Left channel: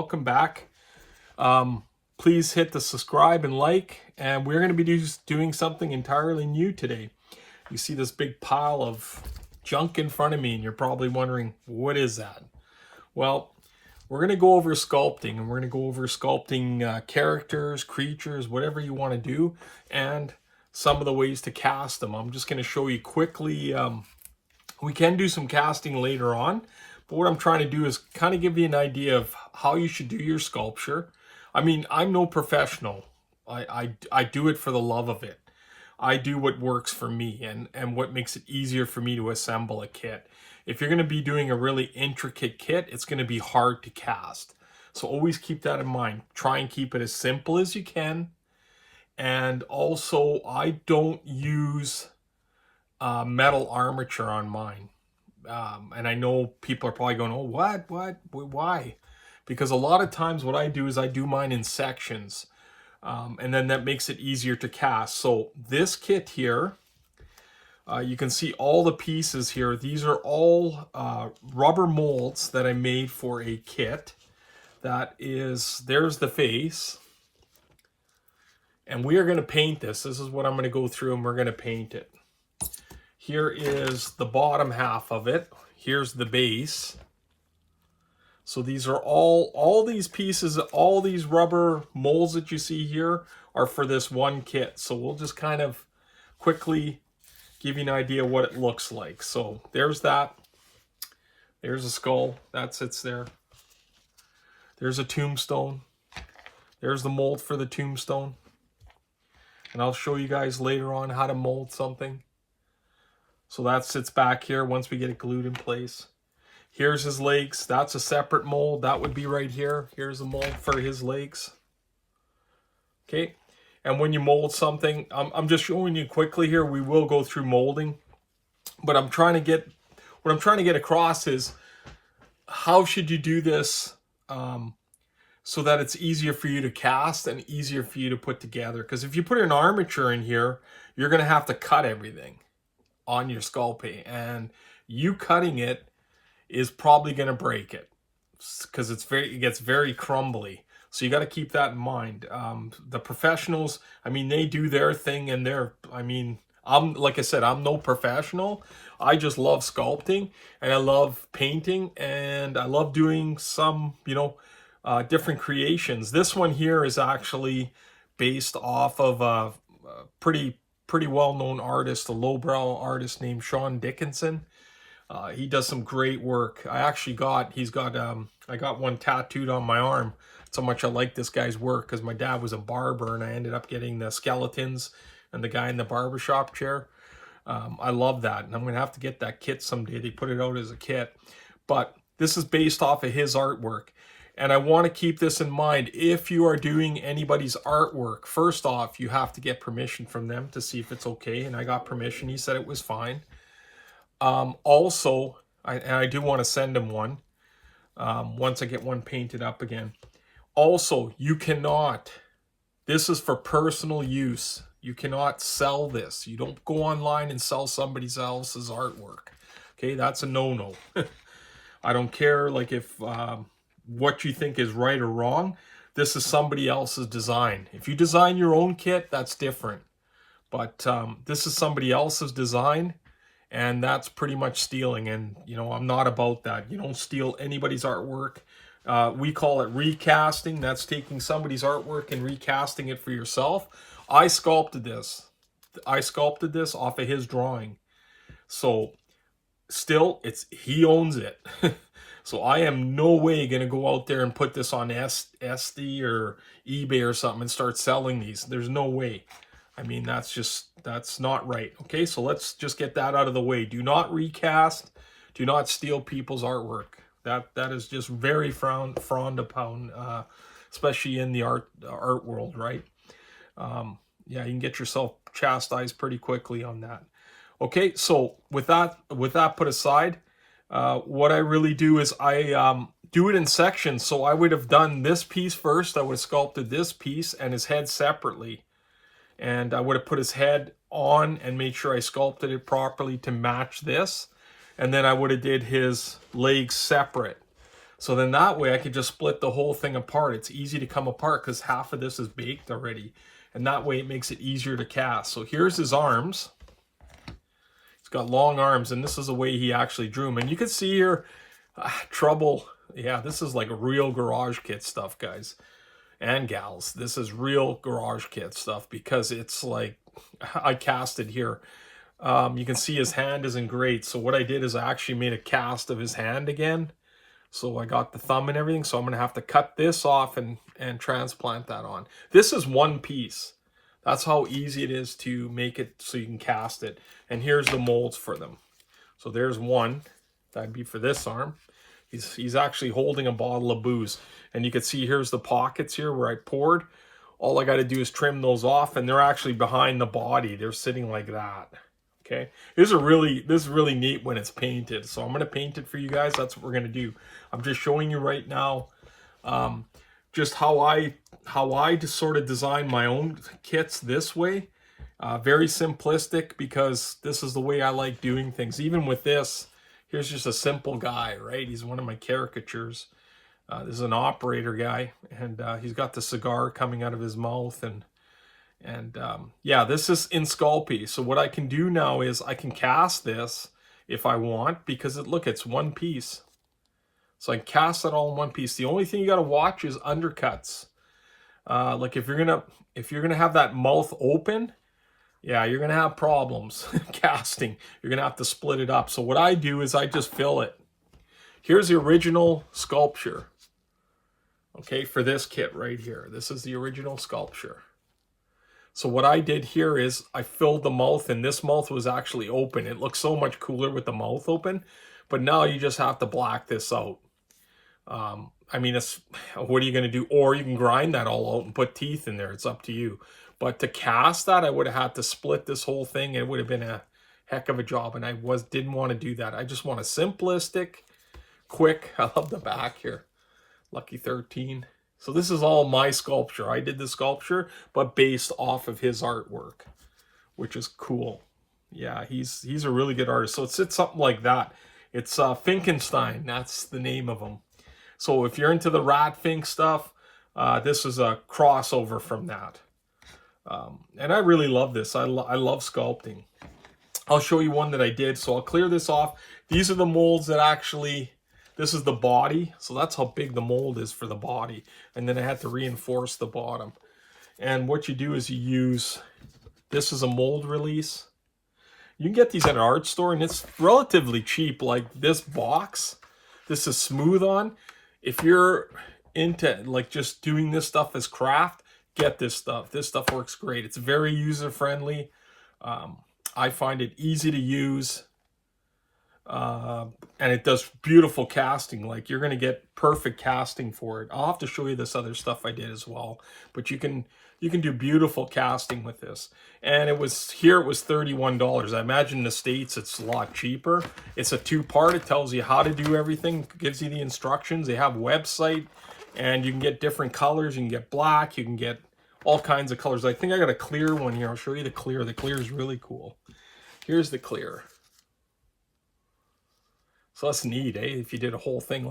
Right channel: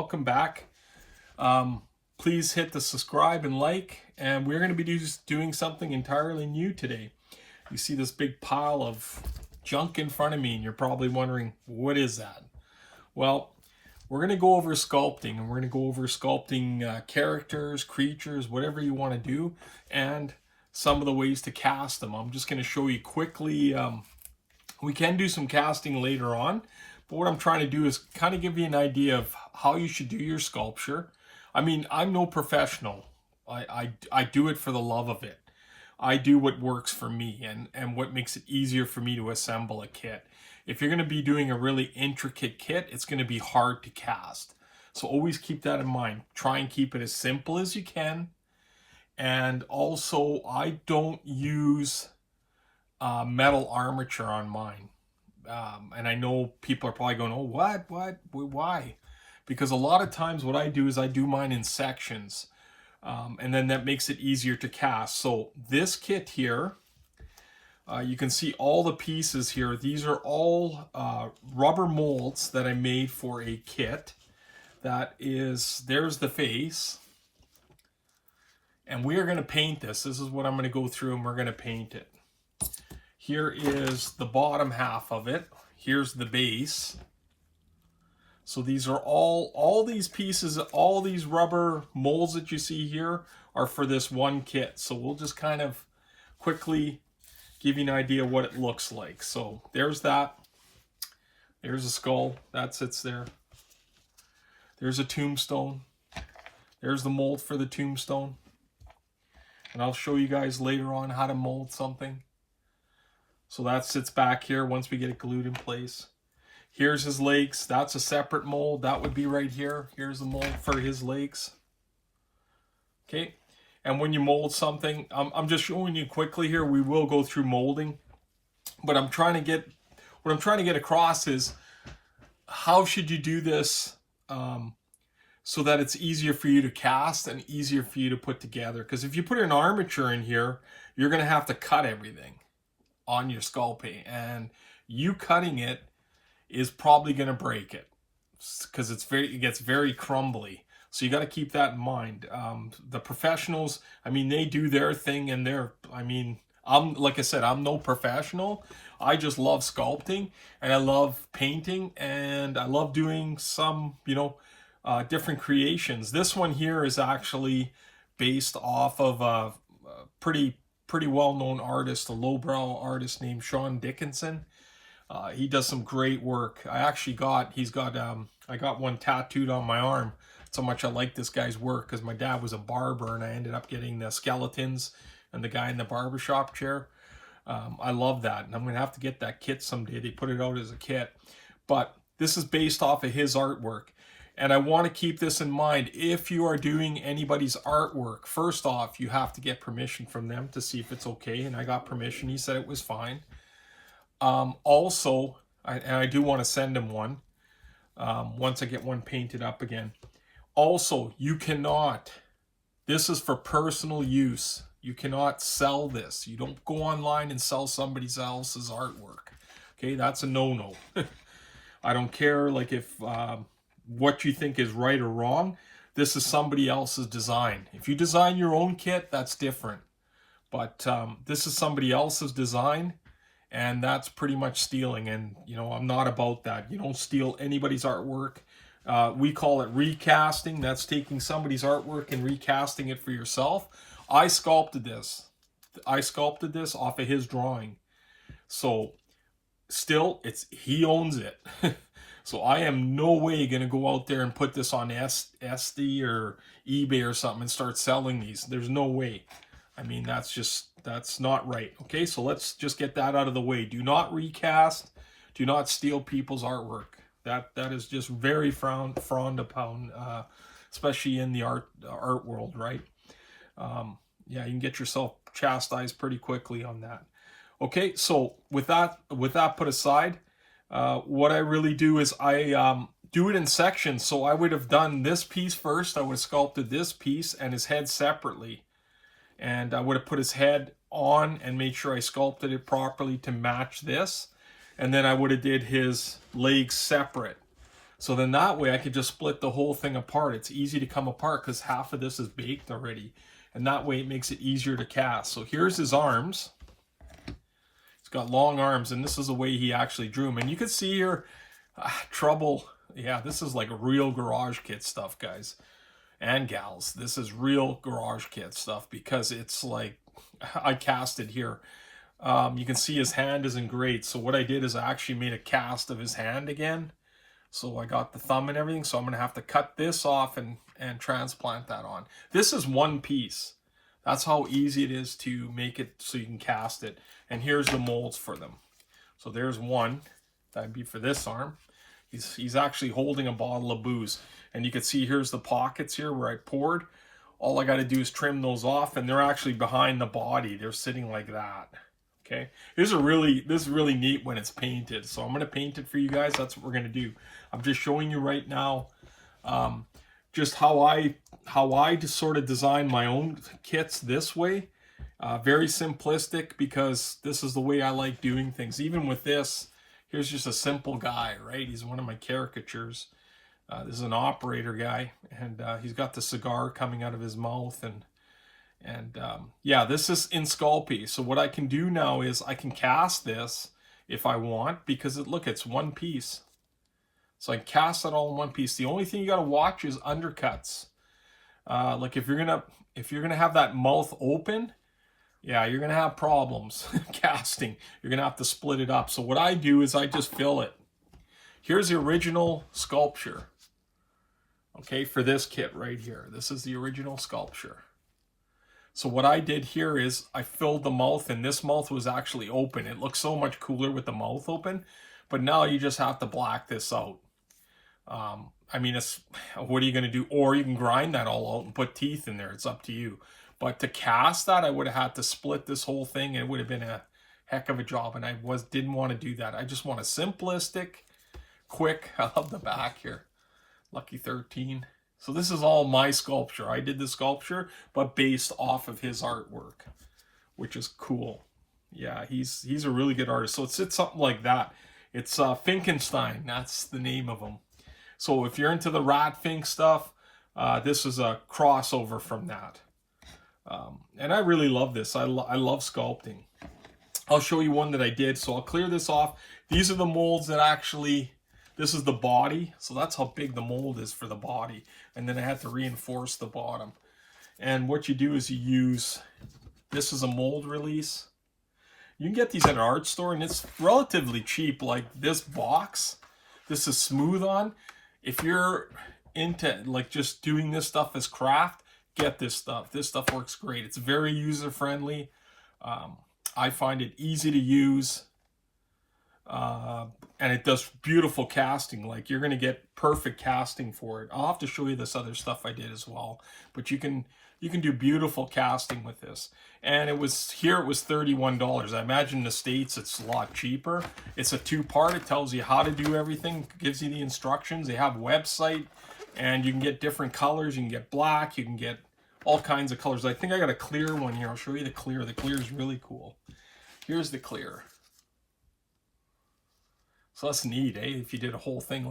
welcome back. Please hit the subscribe and like, and we're going to be doing something entirely new today. You see this big pile of junk in front of me, and you're probably wondering, what is that? Well, we're going to go over sculpting, and we're going to go over sculpting characters, creatures, whatever you want to do, and some of the ways to cast them. I'm just going to show you quickly. We can do some casting later on, but what I'm trying to do is kind of give you an idea of how you should do your sculpture. I mean, I'm no professional. I do it for the love of it. I do what works for me and what makes it easier for me to assemble a kit. If you're going to be doing a really intricate kit, it's going to be hard to cast. So always keep that in mind. Try and keep it as simple as you can. And also, I don't use metal armature on mine. And I know people are probably going, oh, what, why? Because a lot of times what I do is I do mine in sections. And then that makes it easier to cast. So this kit here, you can see all the pieces here. These are all rubber molds that I made for a kit. There's the face. And we are going to paint this. This is what I'm going to go through, and we're going to paint it. Here is the bottom half of it. Here's the base. So these are all these pieces, all these rubber molds that you see here are for this one kit. So we'll just kind of quickly give you an idea what it looks like. So there's that. There's a skull. That sits there. There's a tombstone. There's the mold for the tombstone. And I'll show you guys later on how to mold something. So that sits back here once we get it glued in place. Here's his legs. That's a separate mold. That would be right here. Here's the mold for his legs. Okay. And when you mold something, I'm just showing you quickly here. We will go through molding. But what I'm trying to get across is how should you do this so that it's easier for you to cast and easier for you to put together. Because if you put an armature in here, you're going to have to cut everything on your sculpey. And you cutting it is probably going to break it because it gets very crumbly. So you got to keep that in mind. The professionals, I mean, they do their thing, and like I said, I'm no professional. I just love sculpting, and I love painting, and I love doing some, different creations. This one here is actually based off of a pretty well-known artist, a lowbrow artist named Sean Dickinson. He does some great work. I got one tattooed on my arm. So much I like this guy's work because my dad was a barber, and I ended up getting the skeletons and the guy in the barbershop chair. I love that, and I'm going to have to get that kit someday. They put it out as a kit. But this is based off of his artwork. And I want to keep this in mind. If you are doing anybody's artwork, first off, you have to get permission from them to see if it's okay. And I got permission. He said it was fine. Also, I do want to send him one once I get one painted up again. Also, you cannot, this is for personal use. You cannot sell this. You don't go online and sell somebody else's artwork. Okay, that's a no-no. I don't care like if what you think is right or wrong. This is somebody else's design. If you design your own kit, that's different. But this is somebody else's design, and that's pretty much stealing. And, I'm not about that. You don't steal anybody's artwork. We call it recasting. That's taking somebody's artwork and recasting it for yourself. I sculpted this. Off of his drawing. So still, he owns it. So I am no way going to go out there and put this on Etsy or eBay or something and start selling these. There's no way. I mean, that's not right. Okay, so let's just get that out of the way. Do not recast. Do not steal people's artwork. That is just very frowned upon, especially in the art world, right? Yeah, you can get yourself chastised pretty quickly on that. Okay, so with that put aside, what I really do is I do it in sections. So I would have done this piece first. I would have sculpted this piece and his head separately. And I would have put his head on and made sure I sculpted it properly to match this. And then I would have did his legs separate. So then that way I could just split the whole thing apart. It's easy to come apart because half of this is baked already. And that way it makes it easier to cast. So here's his arms. He's got long arms, and this is the way he actually drew them. And you can see here, trouble. Yeah, this is like real garage kit stuff, guys and gals. This is real garage kit stuff because it's like, I cast it here. You can see his hand isn't great. So what I did is I actually made a cast of his hand again. So I got the thumb and everything. So I'm going to have to cut this off and transplant that on. This is one piece. That's how easy it is to make it so you can cast it. And here's the molds for them. So there's one. That'd be for this arm. He's actually holding a bottle of booze. And you can see here's the pockets here where I poured. All I got to do is trim those off, and they're actually behind the body. They're sitting like that. Okay, this is really neat when it's painted. So I'm going to paint it for you guys. That's what we're going to do. I'm just showing you right now just how I just sort of design my own kits this way. Very simplistic because this is the way I like doing things. Even with this, here's just a simple guy, right? He's one of my caricatures. This is an operator guy, and he's got the cigar coming out of his mouth, and yeah, this is in Sculpey. So what I can do now is I can cast this if I want, because look, it's one piece. So I can cast it all in one piece. The only thing you got to watch is undercuts. Like if you're gonna have that mouth open, yeah, you're gonna have problems casting. You're gonna have to split it up. So what I do is I just fill it. Here's the original sculpture. Okay, for this kit right here. This is the original sculpture. So what I did here is I filled the mouth, and this mouth was actually open. It looks so much cooler with the mouth open, but now you just have to black this out. I mean, what are you going to do? Or you can grind that all out and put teeth in there. It's up to you. But to cast that, I would have had to split this whole thing. It would have been a heck of a job, and I didn't want to do that. I just want a simplistic, quick. I love the back here. Lucky 13. So this is all my sculpture. I did the sculpture, but based off of his artwork, which is cool. Yeah, he's a really good artist. So it's something like that. It's Finkenstein. That's the name of him. So if you're into the Ratfink stuff, this is a crossover from that. And I really love this. I love sculpting. I'll show you one that I did. So I'll clear this off. These are the molds that actually... This is the body, so that's how big the mold is for the body. And then I had to reinforce the bottom. And what you do is you use, this is a mold release. You can get these at an art store, and it's relatively cheap. Like this box, this is smooth on. If you're into like just doing this stuff as craft, get this stuff. This stuff works great. It's very user-friendly. I find it easy to use. And it does beautiful casting. Like you're going to get perfect casting for it. I'll have to show you this other stuff I did as well, but you can do beautiful casting with this. And it was $31. I imagine in the States it's a lot cheaper. It's a two-part. It tells you how to do everything, gives you the instructions. They have a website, and you can get different colors. You can get black, you can get all kinds of colors. I think I got a clear one here. I'll show you the clear. The clear is really cool. Here's the clear. So that's neat, eh? If you did a whole thing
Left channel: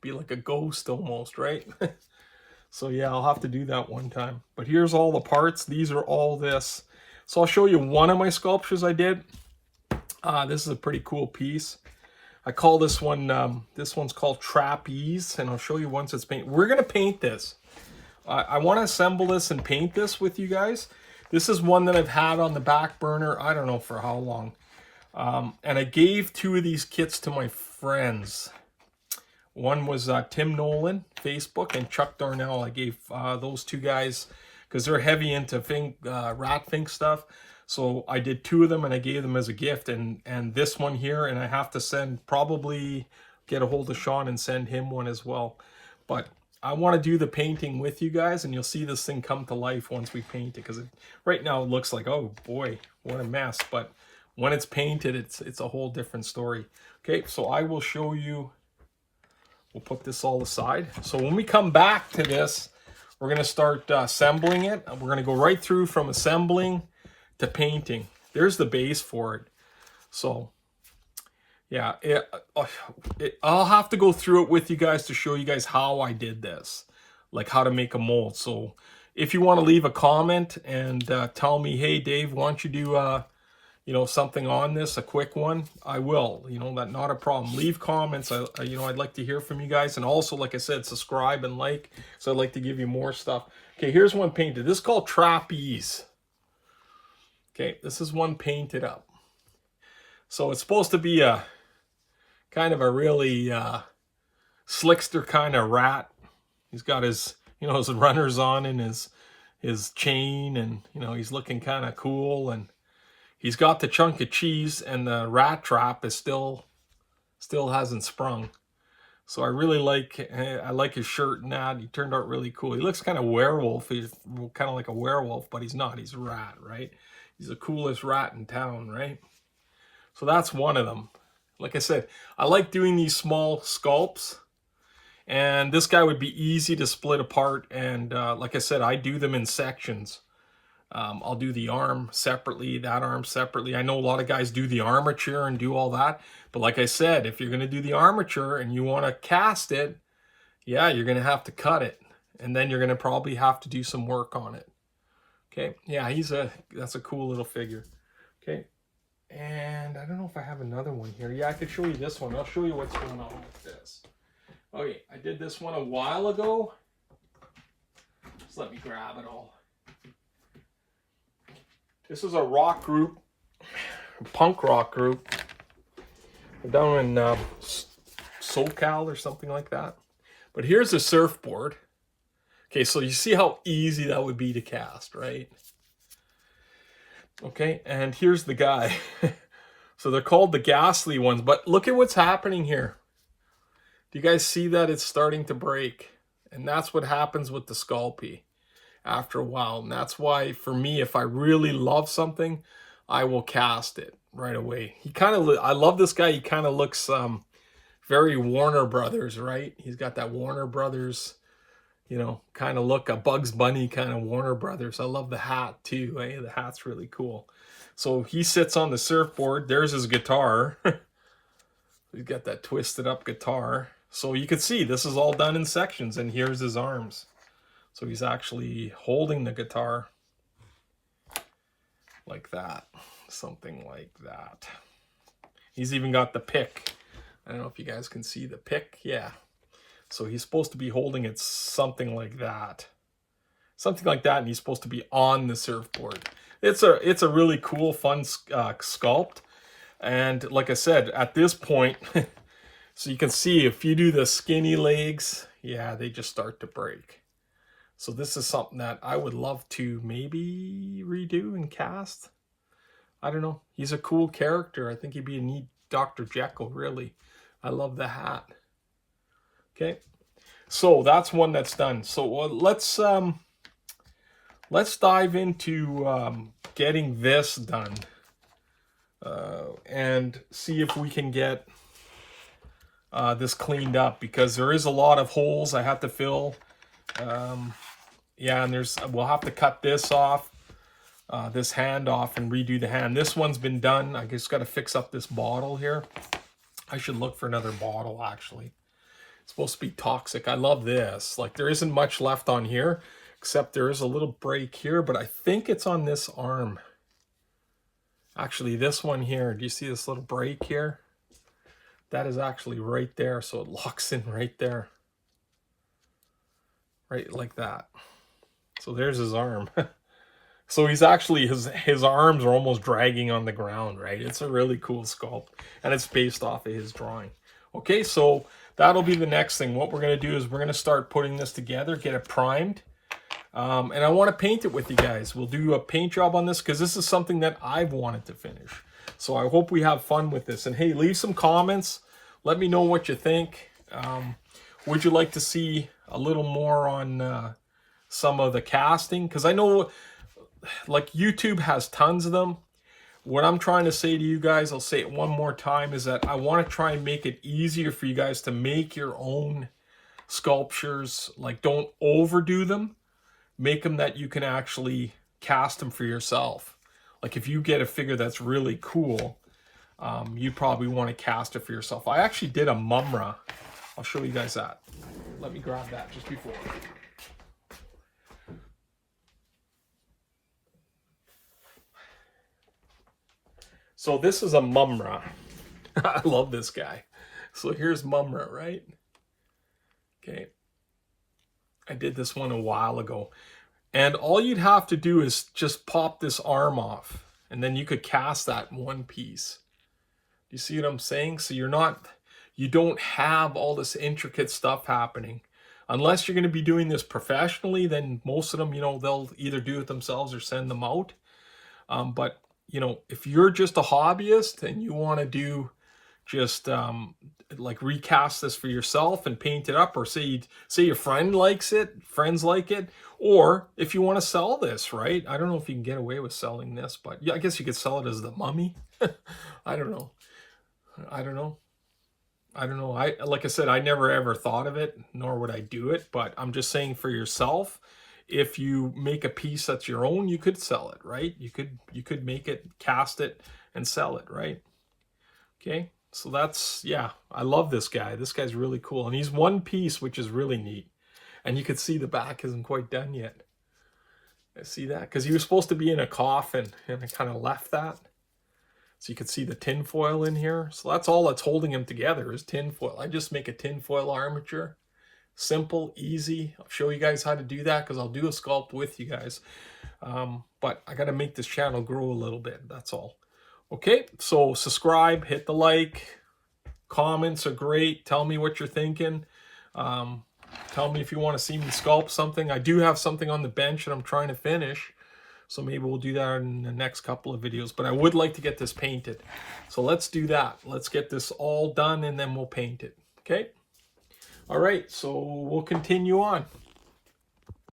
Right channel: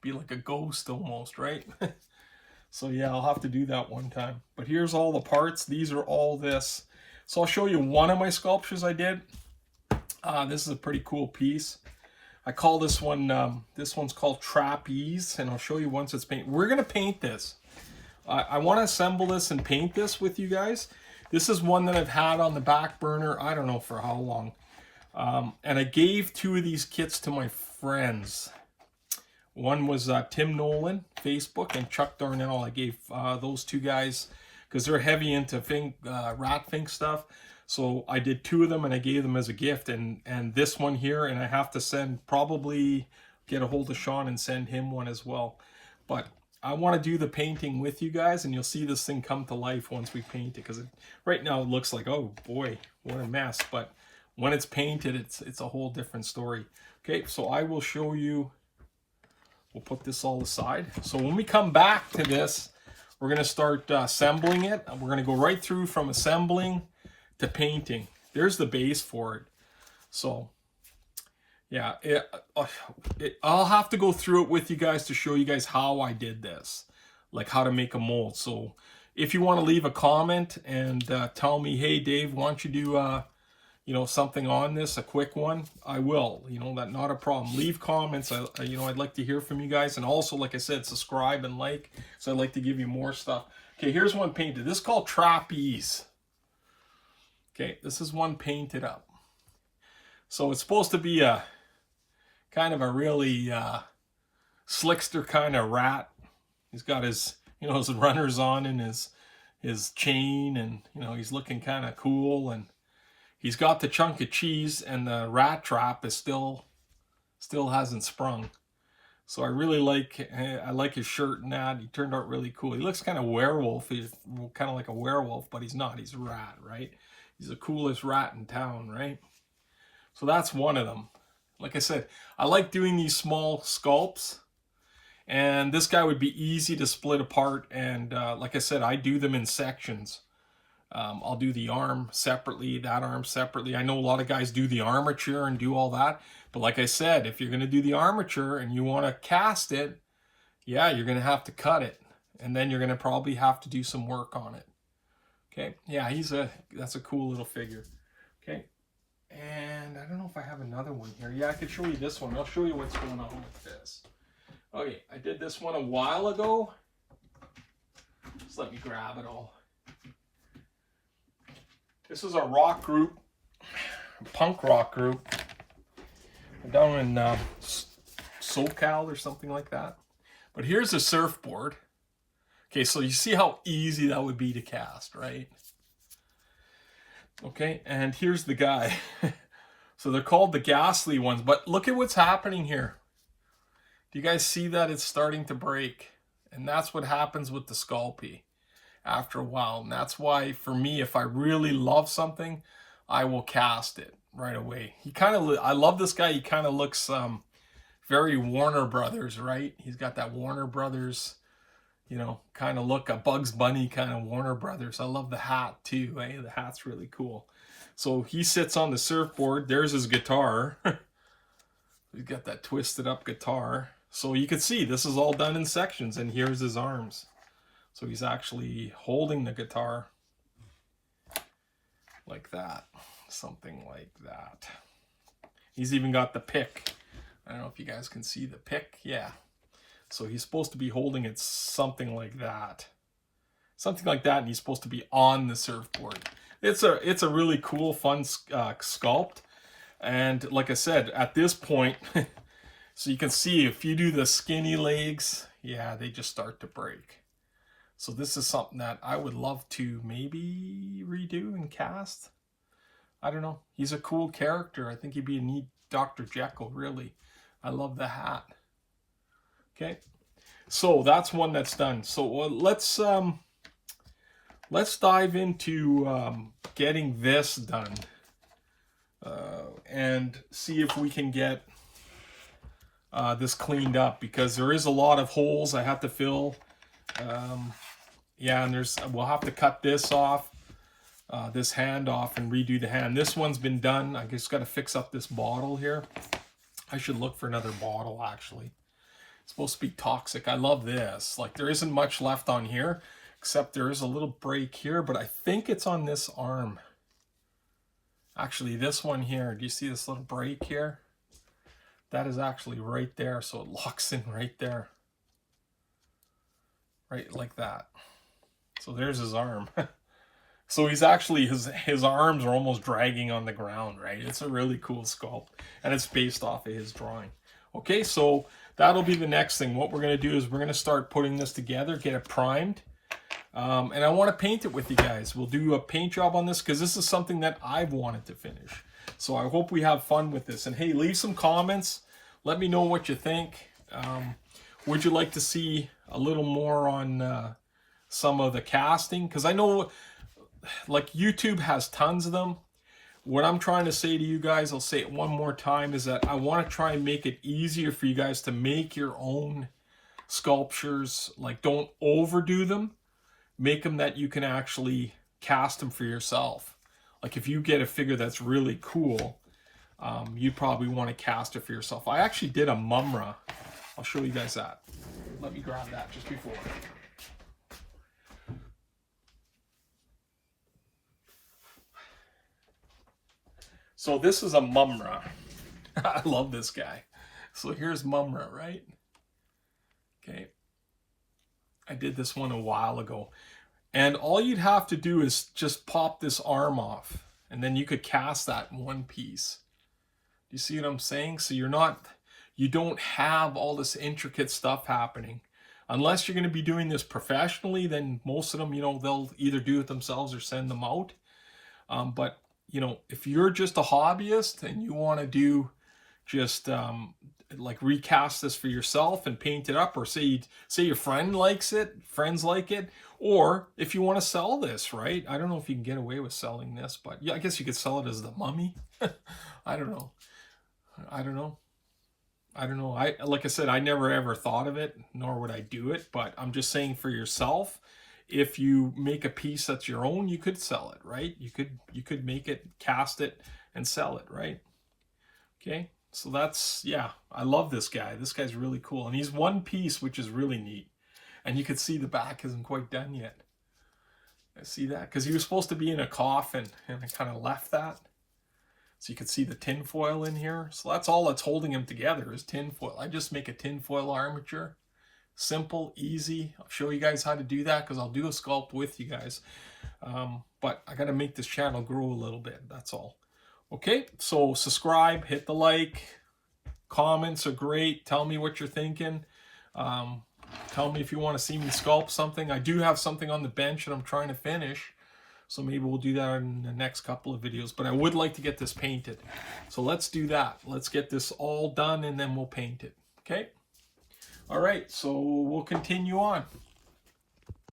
be like a ghost almost, right? So yeah, I'll have to do that one time. But here's all the parts. These are all this. So I'll show you one of my sculptures I did. This is a pretty cool piece. I call this one, this one's called Trapeze, and I'll show you once it's painted. We're gonna paint this. I wanna assemble this and paint this with you guys. This is one that I've had on the back burner, I don't know for how long. And I gave two of these kits to my friends. One was Tim Nolan, Facebook, and Chuck Darnell. I gave those two guys because they're heavy into Ratfink stuff. So I did two of them, and I gave them as a gift. And this one here, and I have to probably get a hold of Sean and send him one as well. But I want to do the painting with you guys, and you'll see this thing come to life once we paint it. Because right now it looks like, oh boy, what a mess. But when it's painted, it's a whole different story. Okay, so I will show you. We'll put this all aside. So when we come back to this, we're going to start assembling it. We're going to go right through from assembling to painting. There's the base for it. So Yeah, I'll have to go through it with you guys to show you guys how I did this, like how to make a mold. So if you want to leave a comment and tell me, hey Dave, why don't you do you know, something on this, a quick one, I will. You know, that not a problem. Leave comments. You know, I'd like to hear from you guys, and also, like I said, subscribe and like. So I'd like to give you more stuff. Okay, here's one painted. This is called Trapeze. Okay, this is one painted up. So it's supposed to be a kind of a really slickster kind of rat. He's got his, you know, his runners on and his chain, and you know, he's looking kind of cool, and he's got the chunk of cheese, and the rat trap is still hasn't sprung. So I really like, I like his shirt and that. He turned out really cool. He looks kind of werewolf. He's kind of like a werewolf, but he's not. He's a rat, right? He's the coolest rat in town, right? So that's one of them. Like I said, I like doing these small sculpts, and this guy would be easy to split apart. And like I said, I do them in sections. I'll do the arm separately, that arm separately. I know a lot of guys do the armature and do all that. But like I said, if you're going to do the armature and you want to cast it, yeah, you're going to have to cut it. And then you're going to probably have to do some work on it. Okay, yeah, that's a cool little figure. Okay, and I don't know if I have another one here. Yeah, I could show you this one. I'll show you what's going on with this. Okay, I did this one a while ago. Just let me grab it all. This is a rock group, punk rock group, down in SoCal or something like that. But here's a surfboard. Okay, so you see how easy that would be to cast, right? Okay, and here's the guy. So they're called the ghastly ones, but look at what's happening here. Do you guys see that it's starting to break? And that's what happens with the sculpey after a while. And that's why, for me, if I really love something, I will cast it right away. He kind of, I love this guy. He kind of looks very Warner Brothers, right? He's got that Warner Brothers, you know, kind of look, a Bugs Bunny kind of Warner Brothers. I love the hat too. Hey, the hat's really cool. So he sits on the surfboard. There's his guitar. He's got that twisted up guitar. So you can see this is all done in sections, and here's his arms. So he's actually holding the guitar like that, something like that. He's even got the pick. I don't know if you guys can see the pick. Yeah. So he's supposed to be holding it something like that. Something like that, and he's supposed to be on the surfboard. It's a really cool, fun sculpt. And like I said, at this point, so you can see if you do the skinny legs, yeah, they just start to break. So this is something that I would love to maybe redo and cast. I don't know. He's a cool character. I think he'd be a neat Dr. Jekyll, really. I love the hat. Okay. So that's one that's done. So let's dive into getting this done. And see if we can get this cleaned up, because there is a lot of holes I have to fill. Yeah, and we'll have to cut this off, this hand off, and redo the hand. This one's been done. I just got to fix up this bottle here. I should look for another bottle, actually. It's supposed to be toxic. I love this. Like, there isn't much left on here, except there is a little break here, but I think it's on this arm. Actually, this one here, do you see this little break here? That is actually right there, so it locks in right there. Right like that. So there's his arm. So he's actually, his arms are almost dragging on the ground, right? It's a really cool sculpt, and it's based off of his drawing. Okay, so that'll be the next thing. What we're going to do is we're going to start putting this together, get it primed. And I want to paint it with you guys. We'll do a paint job on this, because this is something that I've wanted to finish. So I hope we have fun with this. And hey, leave some comments. Let me know what you think. Would you like to see a little more on some of the casting? Because I know, like, YouTube has tons of them. What I'm trying to say to you guys, I'll say it one more time, is that I want to try and make it easier for you guys to make your own sculptures. Like, don't overdo them. Make them that you can actually cast them for yourself. Like, if you get a figure that's really cool, you'd probably want to cast it for yourself. I actually did a mumra. I'll show you guys that. Let me grab that just before. So this is a mumra. I love this guy. So here's mumra, right? Okay. I did this one a while ago. And all you'd have to do is just pop this arm off. And then you could cast that in one piece. You see what I'm saying? So you don't have all this intricate stuff happening. Unless you're going to be doing this professionally, then most of them, you know, they'll either do it themselves or send them out. But, you know, if you're just a hobbyist and you want to do just like recast this for yourself and paint it up, or say your friends like it, or if you want to sell this, right? I don't know if you can get away with selling this, but yeah, I guess you could sell it as the mummy. I don't know. Like I said, I never ever thought of it, nor would I do it, but I'm just saying for yourself, if you make a piece that's your own, you could sell it, right? You could make it, cast it, and sell it, right? Okay. So that's, yeah, I love this guy. This guy's really cool. And he's one piece, which is really neat. And you can see the back isn't quite done yet. I see that because he was supposed to be in a coffin and I kind of left that. So you can see the tin foil in here. So that's all that's holding him together is tin foil. I just make a tin foil armature. Simple, easy. I'll show you guys how to do that because I'll do a sculpt with you guys. But I got to make this channel grow a little bit. That's all. Okay, so subscribe, hit the like, comments are great. Tell me what you're thinking. Tell me if you want to see me sculpt something. I do have something on the bench that I'm trying to finish, so maybe we'll do that in the next couple of videos. But I would like to get this painted, so let's do that. Let's get this all done and then we'll paint it. Okay. All right, so we'll continue on.